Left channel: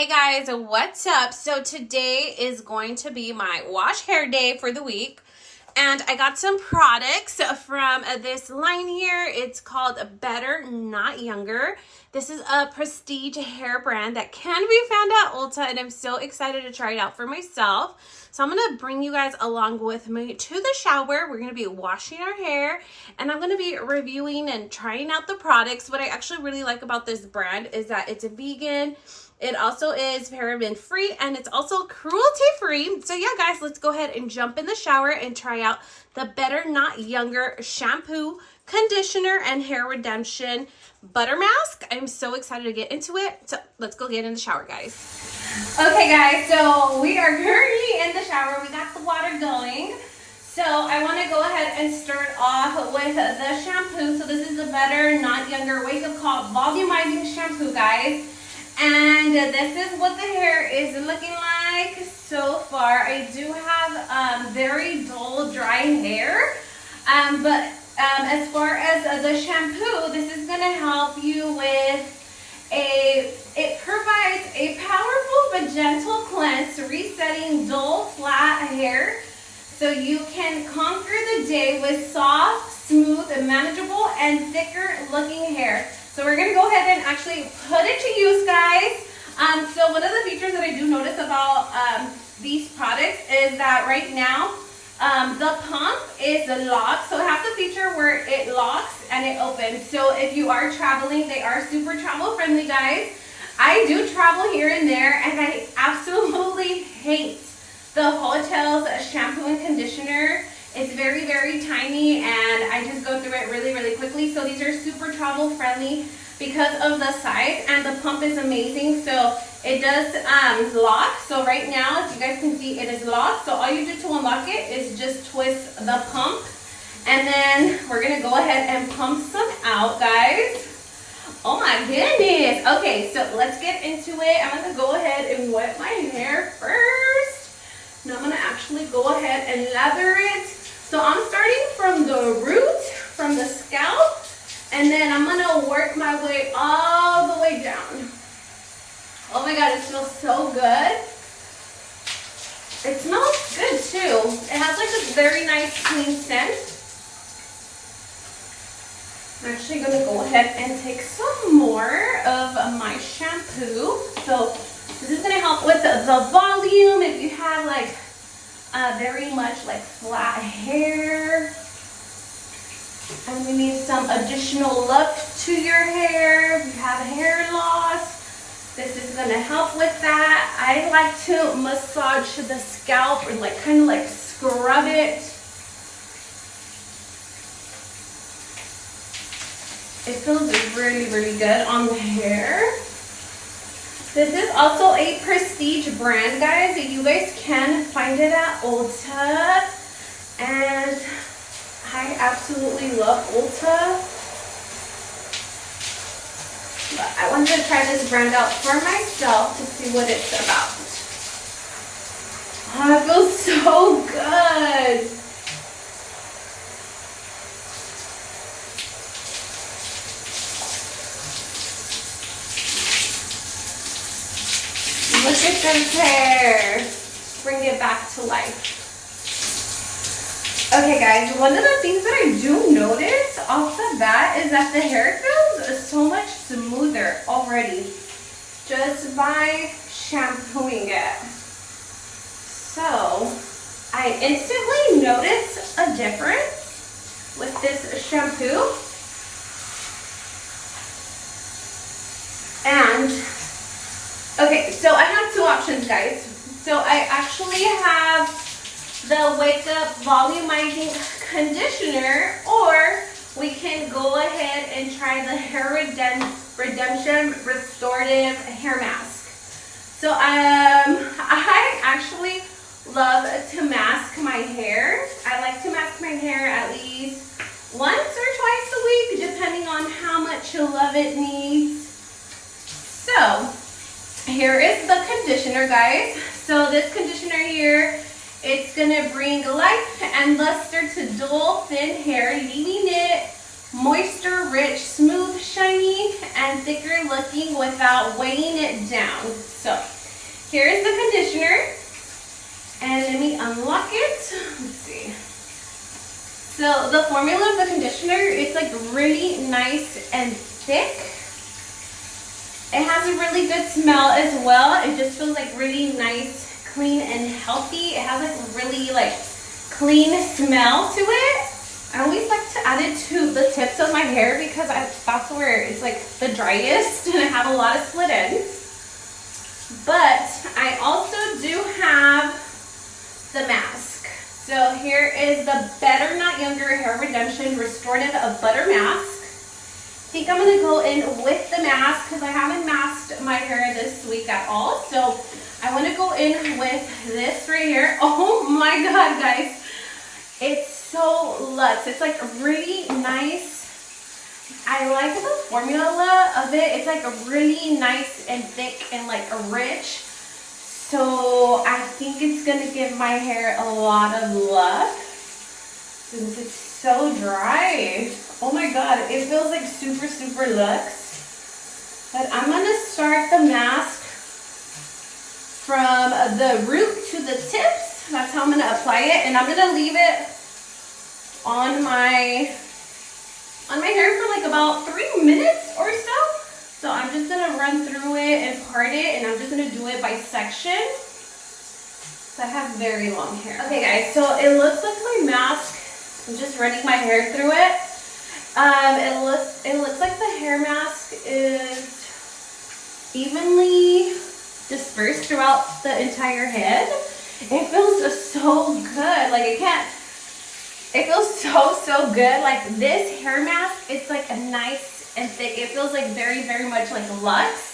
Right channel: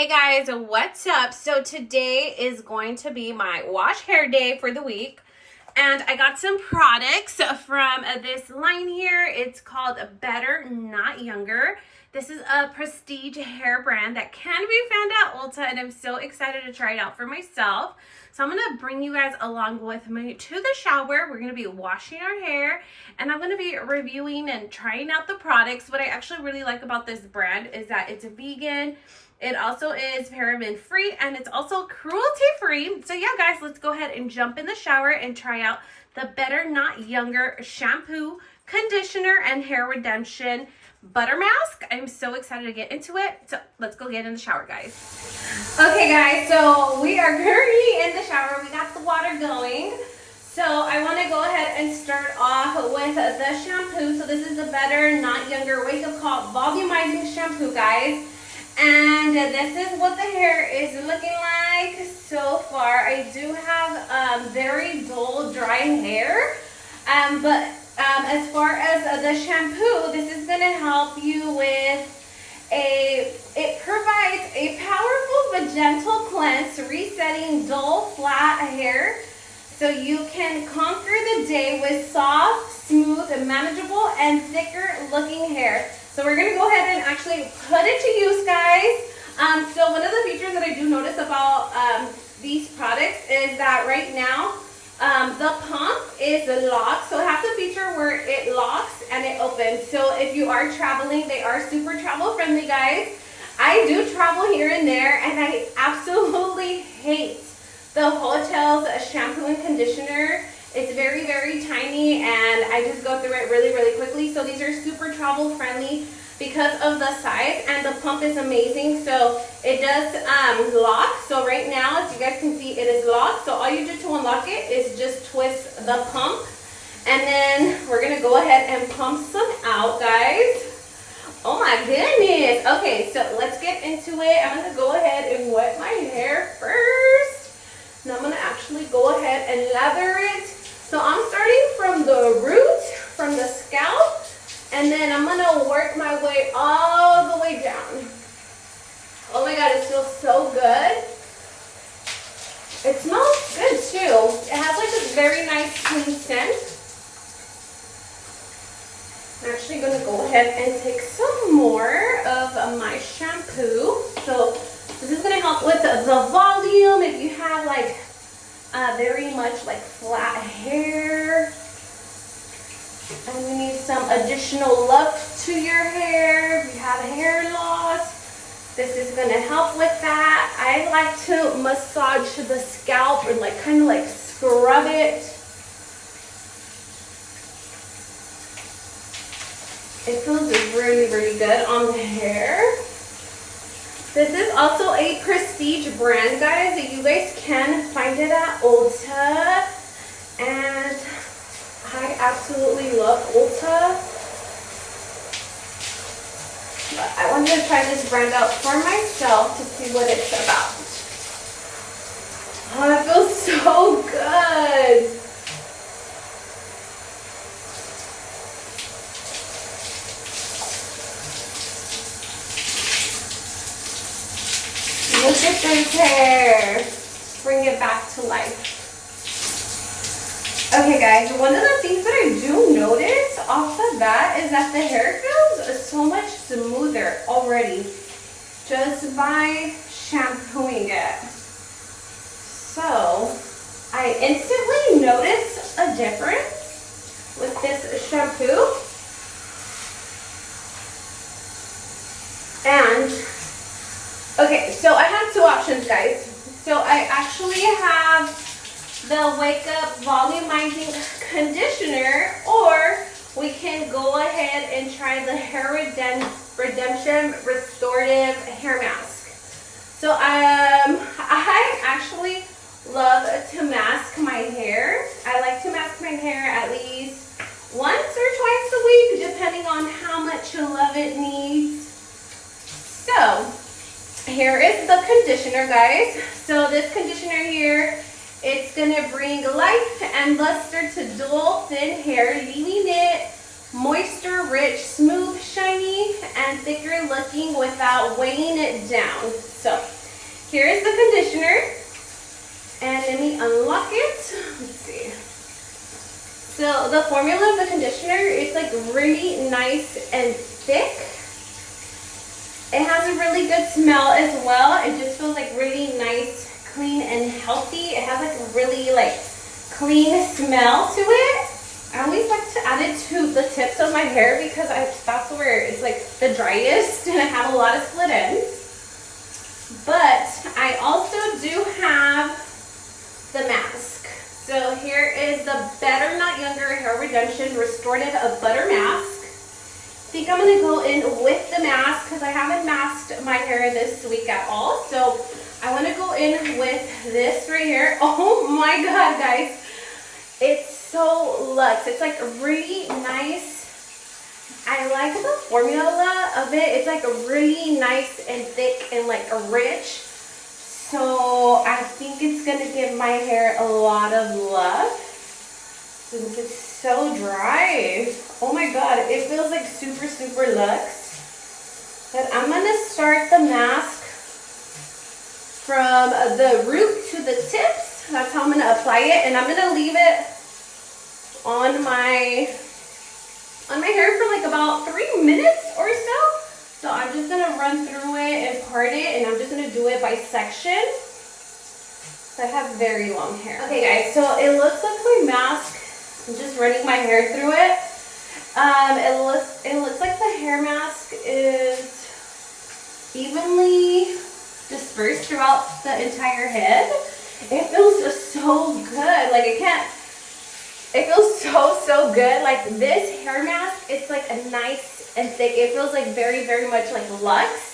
Hey guys, what's up? So today is going to be my wash hair day for the week, and I got some products from this line here. It's called Better Not Younger. This is a prestige hair brand that can be found at Ulta, and I'm so excited to try it out for myself. So I'm gonna bring you guys along with me to the shower. We're gonna be washing our hair, and I'm gonna be reviewing and trying out the products. What I actually really like about this brand is that it's vegan. It also is paraben free, and it's also cruelty free. So yeah, guys, let's go ahead and jump in the shower and try out the Better Not Younger shampoo, conditioner, and hair redemption butter mask. I'm so excited to get into it. So let's go get in the shower, guys. Okay, guys, so we are currently in the shower. We got the water going. So I want to go ahead and start off with the shampoo. So this is the Better Not Younger Wake Up Call Volumizing Shampoo, guys. And this is what the hair is looking like so far. I do have very dull, dry hair. But as far as the shampoo, this is going to help you with it provides a powerful but gentle cleanse, resetting dull, flat hair. So you can conquer the day with soft, smooth, manageable, and thicker looking hair. So we're gonna go ahead and actually put it to use, guys. So one of the features that I do notice about these products is that right now the pump is locked. So it has a feature where it locks and it opens. So if you are traveling, they are super travel friendly, guys. I do travel here and there, and I absolutely hate the hotel's shampoo and conditioner. It's very, very tiny, and I just go through it really, really quickly. So these are super travel friendly because of the size, and the pump is amazing. So it does lock. So right now, as you guys can see, it is locked. So all you do to unlock it is just twist the pump, and then we're gonna go ahead and pump some out, guys. Oh my goodness. Okay, so let's get into it. I'm gonna go ahead and wet my hair first. Now I'm gonna actually go ahead and lather it. So I'm starting from the root, from the scalp, and then I'm gonna work my way all the way down. Oh my God, it feels so good. It smells good too. It has like this very nice clean scent. I'm actually gonna go ahead and take some more of my shampoo. So this is gonna help with the volume if you have like very much like flat hair, and we need some additional look to your hair. If you have hair loss, this is going to help with that. I like to massage the scalp or like kind of like scrub it. It feels really, really good on the hair. This is also a prestige brand, guys. You guys can find it at Ulta, and I absolutely love Ulta. But I wanted to try this brand out for myself to see what it's about. Oh, it feels so good. Look at this hair. Bring it back to life. Okay, guys, one of the things that I do notice off the bat is that the hair feels so much smoother already just by shampooing it. So I instantly notice a difference with this shampoo. And okay, so I have two options, guys. So I actually have the Wake Up Volumizing Conditioner, or we can go ahead and try the Hair Redemption Restorative Hair Mask. So I actually love to mask my hair. I like to mask my hair at least once or twice a week, depending on how much love it needs. So here is the conditioner, guys. So this conditioner here, it's gonna bring life and luster to dull, thin hair, leaving it moisture rich, smooth, shiny, and thicker looking without weighing it down. So here is the conditioner, and let me unlock it. Let's see. So the formula of the conditioner is like really nice and thick. It has a really good smell as well. It just feels like really nice, clean, and healthy. It has like a really like clean smell to it. I always like to add it to the tips of my hair because that's where it's like the driest and I have a lot of split ends. But I also do have the mask. So here is the Better Not Younger Hair Redemption Restorative Butter Mask. I think I'm going to go in with the mask because I haven't masked my hair this week at all. So I want to go in with this right here. Oh my god, guys. It's so luxe. It's like really nice. I like the formula of it. It's like a really nice and thick and like rich. So I think it's gonna give my hair a lot of love since it's so dry. Oh my god, it feels like super, super luxe. But I'm gonna start the mask from the root to the tips. That's how I'm gonna apply it, and I'm gonna leave it on my hair for like about 3 minutes or so. So I'm just gonna run through it and part it, and I'm just gonna do it by section. So I have very long hair. Okay guys, so it looks like my mask. I'm just running my hair through it. It looks like the hair mask is evenly dispersed throughout the entire head. It feels so good. Like it feels so good. Like this hair mask, it's like a nice and thick. It feels like very, very much like luxe.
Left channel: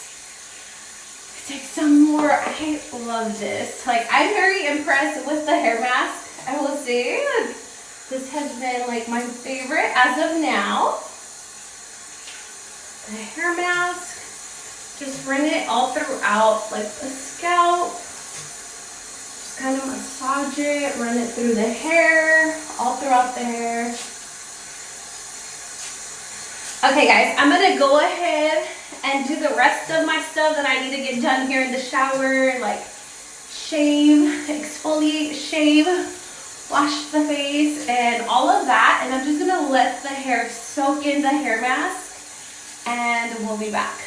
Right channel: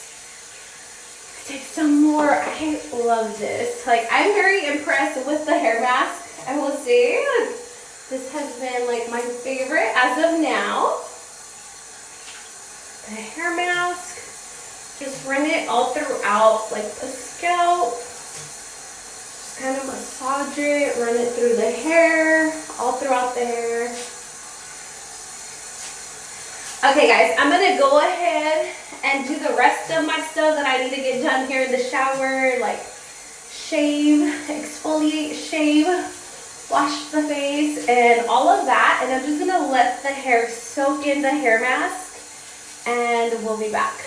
Take some more. I love this. Like I'm very impressed with the hair mask. I will say this has been like my favorite as of now. The hair mask, just run it all throughout like the scalp. Just kind of massage it, run it through the hair, all throughout the hair. Okay guys, I'm gonna go ahead and do the rest of my stuff that I need to get done here in the shower, like shave, exfoliate, shave, wash the face, and all of that. And I'm just gonna let the hair soak in the hair mask, and we'll be back.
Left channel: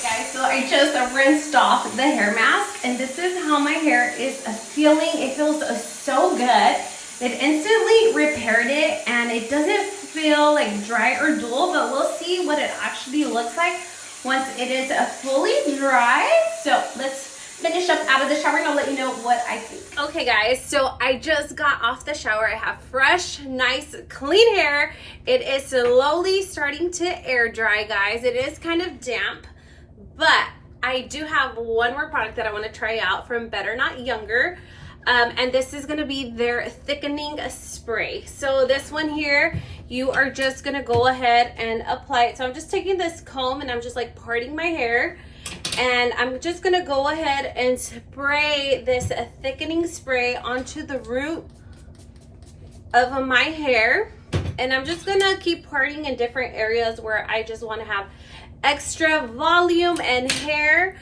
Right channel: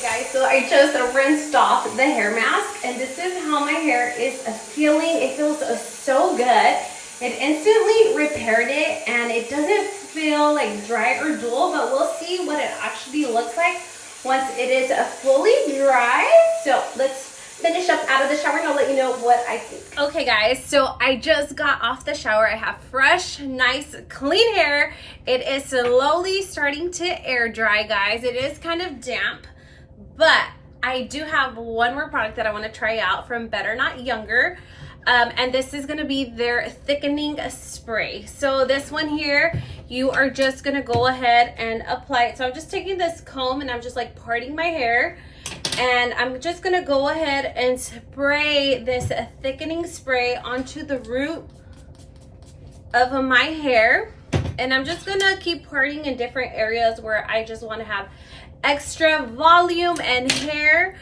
Guys, so I just rinsed off the hair mask, and this is how my hair is feeling. It feels so good. It instantly repaired it, and it doesn't feel like dry or dull, but we'll see what it actually looks like once it is fully dry. So let's finish up out of the shower, and I'll let you know what I think. Okay guys, so I just got off the shower. I have fresh, nice, clean hair. It is slowly starting to air dry, guys. It is kind of damp. But I do have one more product that I want to try out from Better Not Younger. And this is going to be their thickening spray. So this one here, you are just going to go ahead and apply it. So I'm just taking this comb and I'm just like parting my hair. And I'm just going to go ahead and spray this thickening spray onto the root of my hair. And I'm just going to keep parting in different areas where I just want to have extra volume and hair,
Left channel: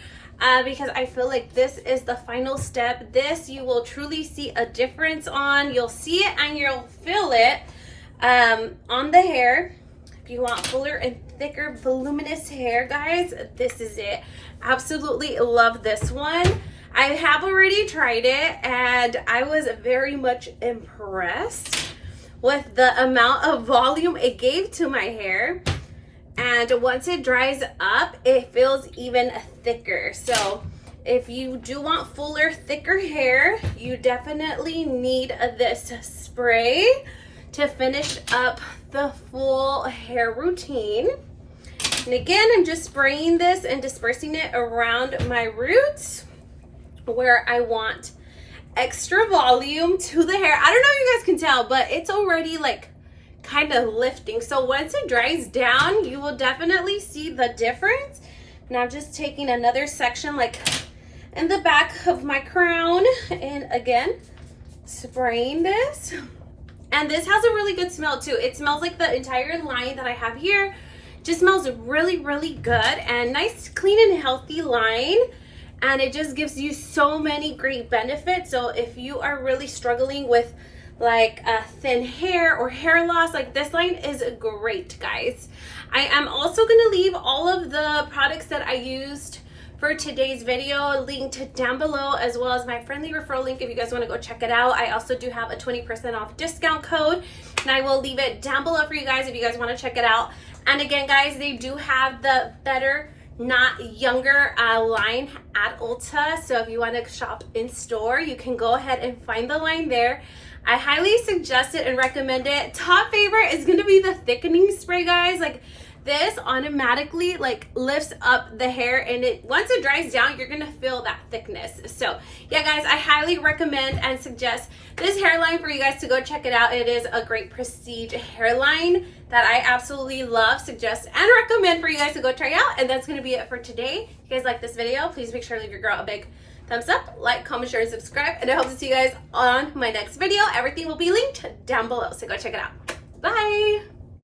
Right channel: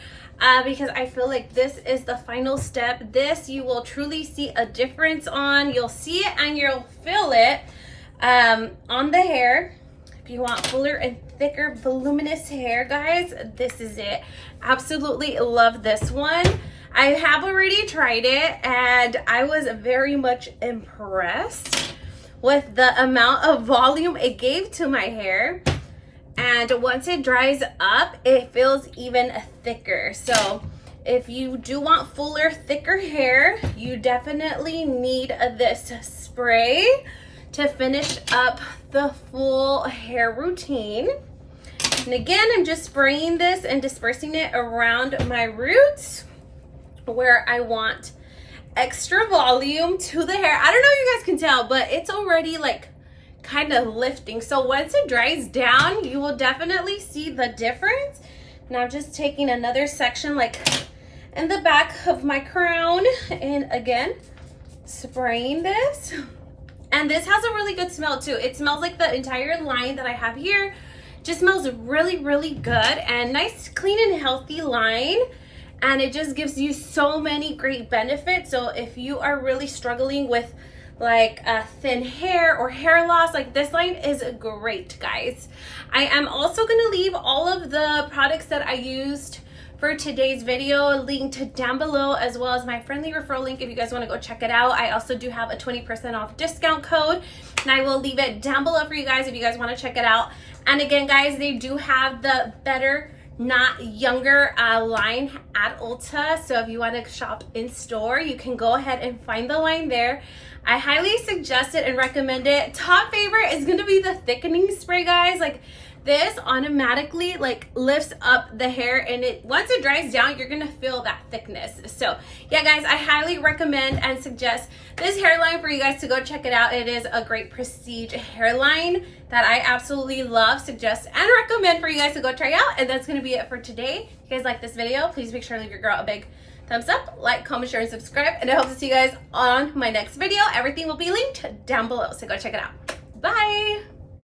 because I feel like this is the final step. This you will truly see a difference on. You'll see it and you'll feel it on the hair. If you want fuller and thicker, voluminous hair, guys, this is it. Absolutely love this one. I have already tried it, and I was very much impressed with the amount of volume it gave to my hair. And once it dries up, it feels even thicker. So if you do want fuller, thicker hair, you definitely need this spray to finish up the full hair routine. And again, I'm just spraying this and dispersing it around my roots where I want extra volume to the hair. I don't know if you guys can tell, but it's already like kind of lifting. So once it dries down, you will definitely see the difference. And I'm just taking another section like in the back of my crown, and again, spraying this. And this has a really good smell too. It smells like the entire line that I have here. Just smells really, really good, and nice, clean, and healthy line. And it just gives you so many great benefits. So if you are really struggling with like thin hair or hair loss, like this line is great, guys. I am also gonna leave all of the products that I used for today's video linked down below, as well as my friendly referral link if you guys want to go check it out. I also do have a 20% off discount code, and I will leave it down below for you guys if you guys want to check it out. And again, guys, they do have the Better Not Younger line at Ulta, so if you want to shop in store, you can go ahead and find the line there. I highly suggest it and recommend it. Top favorite is going to be the thickening spray, guys. Like, this automatically like lifts up the hair, and once it dries down, you're gonna feel that thickness. So yeah, guys, I highly recommend and suggest this hairline for you guys to go check it out. It is a great prestige hairline that I absolutely love, suggest, and recommend for you guys to go try out. And that's gonna be it for today. If you guys like this video, please make sure to leave your girl a big thumbs up, like, comment, share, and subscribe. And I hope to see you guys on my next video. Everything will be linked down below, so go check it out. Bye.